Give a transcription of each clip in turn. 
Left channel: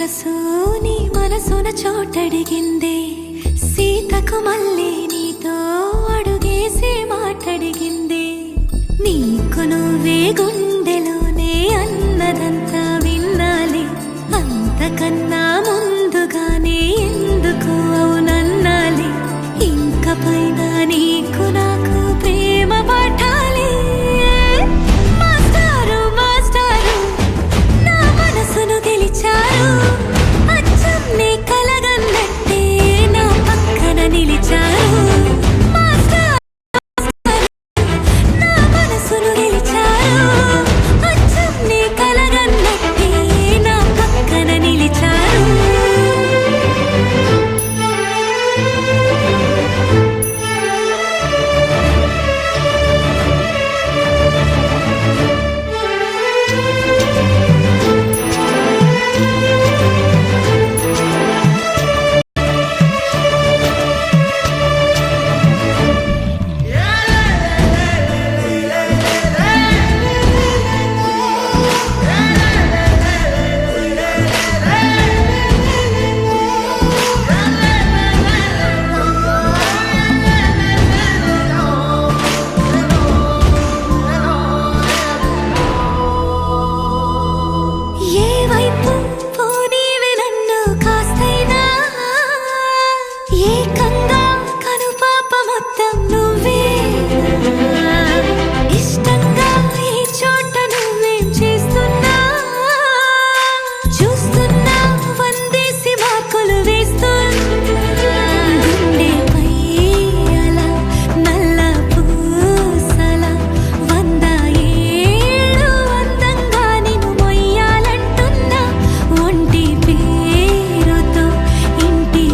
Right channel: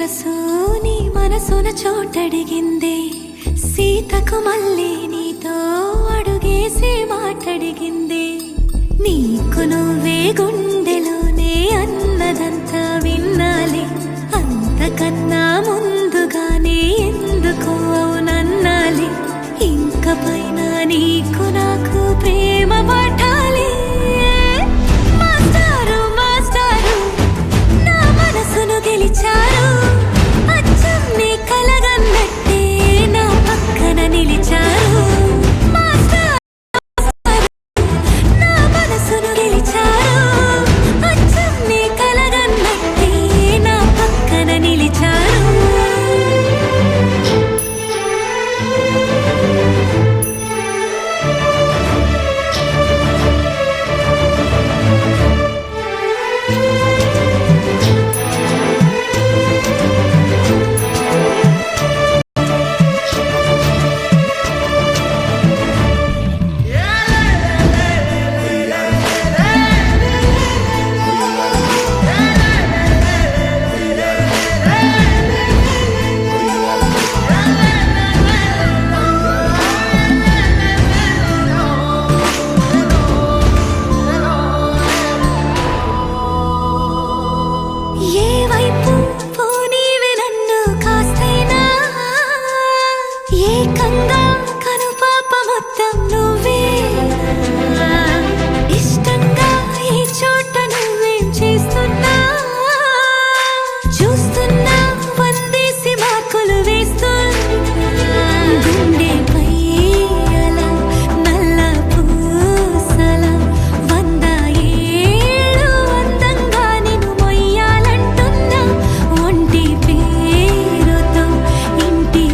మనసు నీ మనసున చోటడిగిందే సీతకు మళ్ళీ నీతో అడుగేసి మాటడిగిందే నీకు నువ్వే గుండెలోనే అన్నదంతా విన్నాలే అంతకన్నా ముందుగానే ఎందుకు అవునన్నాలే ఇంక పైన నీకు నాకు ప్రేమ పాఠాలే మాస్టారు మాస్టారు నా మనసును గెలిచారు అచ్చం నీ కలగన్నట్టే నా పక్కన నిలిచారు మాస్టారు నా మనసును గెలిచారు అచ్చం నీ కలగన్నట్టే నా పక్కన నిలిచారు ఏకంగా కనుపాప మొత్తం నువ్వేనా ఇష్టంగా ఈ చోట నువ్వేం చేస్తున్నా చూస్తున్నా వందేసి మార్కులు వేస్తున్నా గుండెపై అలా నల్ల పూసల 100 ఏళ్ళు అందంగా నిన్ను మొయ్యాలంటున్నా ఒంటి పేరుతో ఇంటి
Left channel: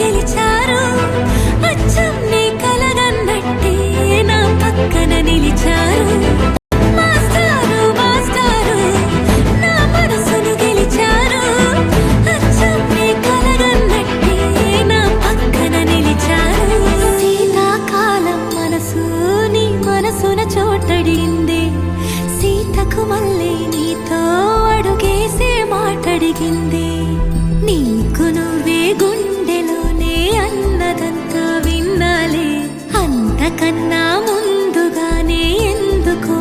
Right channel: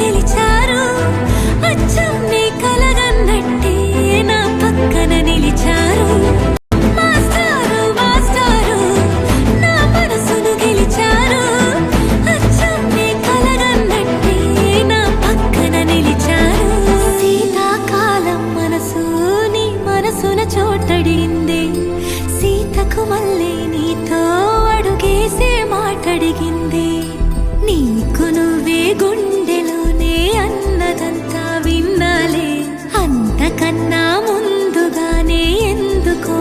గెలిచారు అచ్చం నీ కలగన్నట్టే నా పక్కన నిలిచారు మాస్టారు మాస్టారు నా మనసును గెలిచారు అచ్చం నీ కలగన్నట్టే నా పక్కన నిలిచారు శీతాకాలం మనసు నీ మనసున చోటడిగిందే సీతకు మళ్ళీ నీతో అడుగేసే మాటడిగిందే నీకు నువ్వే గుండెలోనే అన్నదంతా విన్నాలే అంతకన్నా ముందుగానే ఎందుకో